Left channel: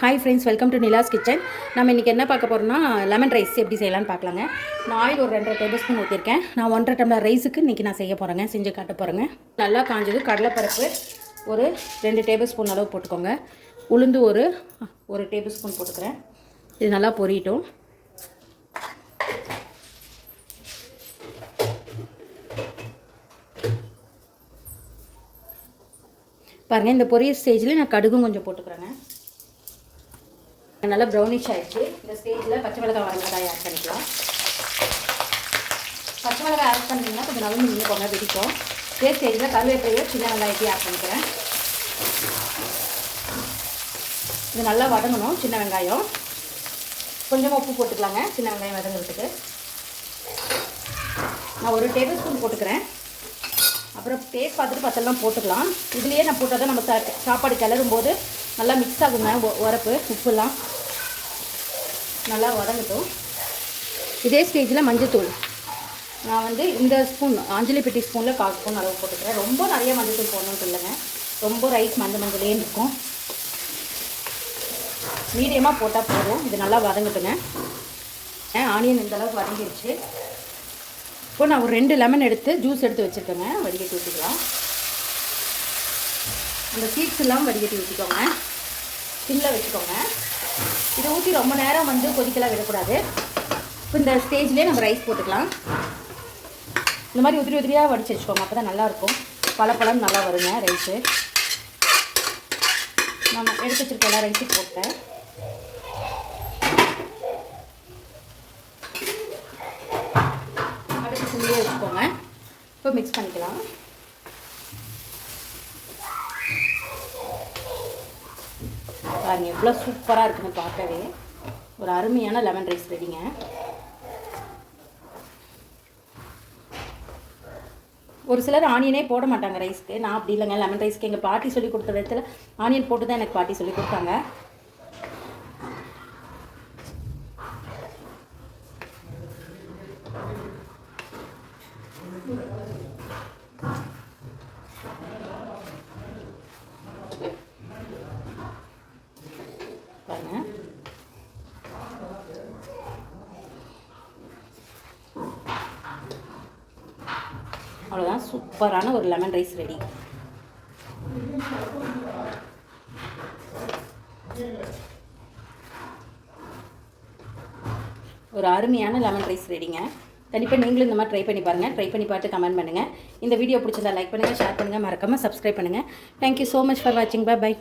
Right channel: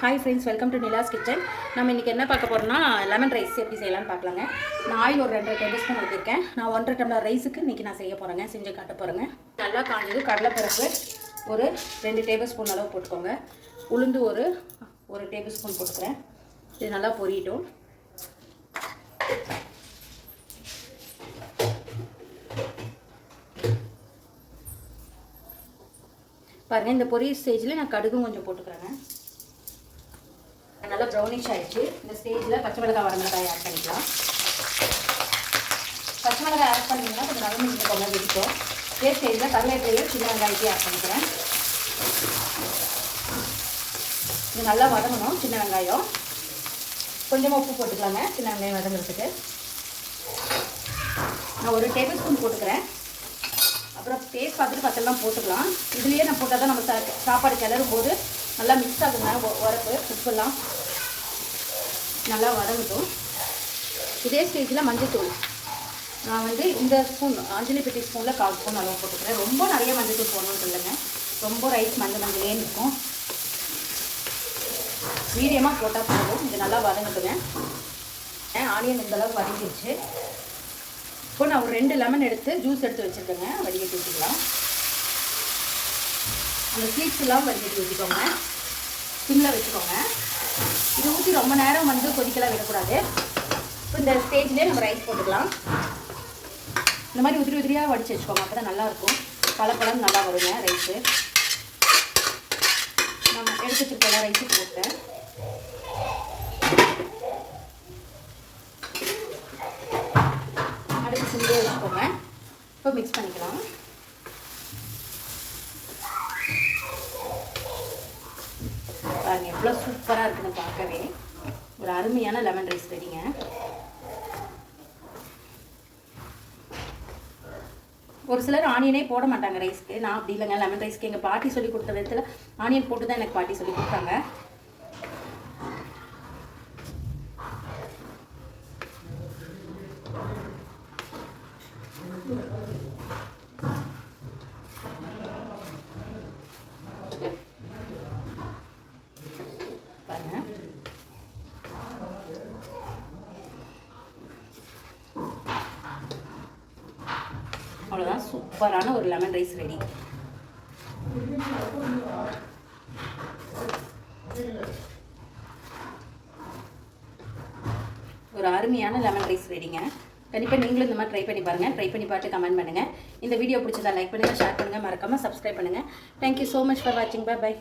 Hi friends, welcome to Nila's kitchen. நம்ம இன்றைக்கி என்ன பார்க்க போகிறோம்னா லெமன் ரைஸ் எப்படி செய்யலாம்னு பார்க்கலாங்க. நான் ஆயில் ஒரு 2 டேபிள் ஸ்பூன் ஊற்றிருக்கேன். நான் 1.5 டம்ளர் ரைஸுக்கு இன்றைக்கி நான் செய்ய போகிறேங்க, செஞ்சு காட்ட போகிறேங்க. நல்லா காஞ்சது கடலைப்பருப்பு ஒரு 2 டேபிள் ஸ்பூன் அளவு போட்டுக்கோங்க. உளுந்து ஒரு டேபிள் ஸ்பூன் போட்டுக்கிறேன். இது நல்லா பொரியட்டும். பாருங்கள், இந்த பொரிய ஸ்டேஜில் நான் கடுகும் கொஞ்சம் போட்டுக்கிறேங்க. நல்லா ப்ரௌனிஷ் ஆகிடுச்சு. இந்த ஸ்டேஜில் பச்சை மிளகாய் வரமிளகாய் ஆட் பண்ணிக்கலாம். பச்சை மிளகாய் ஆட் பண்ணிங்கன்னா கொஞ்சம் நல்லா கொஞ்சம் பிடிக்கும். இதே ஸ்டேஜில் கருவேப்பிலையை சின்ன வெங்காயத்தையும் ஆட் பண்ணிக்கிறேன். இது நல்லா வதங்கணும். சின்ன வெங்காயம் கொஞ்சமாக உப்பு போட்டுக்கலாங்க. சின்ன வெங்காயம் வதங்கிறதுக்கு நான் ஒரு டேபிள் ஸ்பூன் போட்டுக்கிறேன். அப்புறம் டேஸ்ட் பார்த்துட்டு பத்தெல்லாம் போட்டுக்கலாம். இதுலேயே நான் போட்டால் தான் நம்ம சாப்பாடு கிளறும் போது நல்லா மிக்ஸ் ஆகுங்க. உரப்பு உப்புலாம் நல்லா வதங்கட்டும். இதே ஸ்டேஜில் மஞ்சள்தூள் நான் இந்த ஸ்பூன் அஞ்சலி பெட்டி ஸ்பூனில் 4 ஸ்பூன் அளவு போட்டுக்கிறேன். ரொம்ப நிறைய மஞ்சள்தூள் போடணும்னு இல்லைங்க. ரொம்ப ரைஸ் மஞ்சளே இருக்கும். மீடியமாக போட்டால் போதும். இது நல்லா வதங்கட்டுங்க. ஆனியன் இந்த அளவுக்கு வதங்கிடுச்சு. இப்போ நான் ஒரு 2 லெமன் எடுத்து ஜூஸ் எடுத்து வச்சுருக்கேங்க. வடிகட்டி ஊற்றிக்கலாம். அந்த சீட்ஸ் எல்லாம் வடிகட்டி ஊற்றிக்கோங்க. சிம்மில் வச்சுக்கோங்க. இதை ஊற்றி ரொம்ப நேரம் கொதிக்கலாம் விடக்கூடாது. இப்போ இந்த ஸ்டேஜ்லேயே நம்ம ரைஸ் போட்டுக்கலாம். இந்த மாதிரி உதிரியாக வடித்து வச்சுக்கோங்க. அப்போ தான் நல்லாயிருக்கும். பழம் நல்லா வருங்க ரைஸு. நம்ம எடுத்து வச்சுருக்கோம் ரைஸு போட்டேன். சிம்மிலே வச்சுக்கோங்க. இப்போ மிக்ஸ் பண்ணிக்கலாம். பாருங்கள் எவ்வளோ சூப்பராக இருக்குன்னு பார்க்கவே. ஒரு அருமையான லெமன் ரைஸ் ரெடிங்க. ஒரு சிலர் ஆனியனே போட மாட்டாங்க ரைஸ்க்கு. நான் அப்படி இல்லைங்க. லெமன் ரைஸ்க்கு எங்கள் பாட்டி சொல்லி கொடுத்த விதத்தில் ஆனியன் போட்டு தான் எனக்கு பாட்டி சொல்லி கொடுத்தாங்க. அவ்வளோதான், சூப்பரான ஒரு லெமன் ரைஸ் ரெடி. ஒரு அருமையான லெமன் ரைஸ் ரெடிங்க. கண்டிப்பாக நீங்களும் இந்த மாதிரி ட்ரை பண்ணி பாருங்கள். ட்ரை பண்ணி பார்த்து கமெண்ட் பண்ணுங்கள். இந்த வீடியோ பிடிச்சதா லைக் பண்ணுங்கள், ஷேர் பண்ணுங்கள், மறக்காமல் சப்ஸ்கிரைப் பண்ணுங்கள். தேங்க்யூ ஸோ மச் ஃபார் வாட்சிங். பை.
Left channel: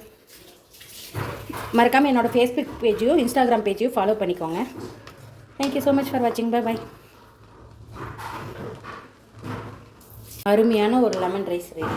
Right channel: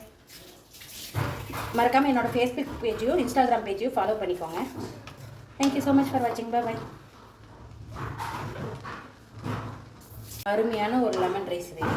மறக்காமல் என்னோடய ஃபேஸ்புக் பேஜையும் இன்ஸ்டாகிராம் பேஜையும் ஃபாலோ பண்ணிக்கோங்க. தேங்க்யூ ஸோ மச் ஃபார் வாட்சிங். பை. அருமையான ஒரு லெமன் ரைஸ் ரெடி.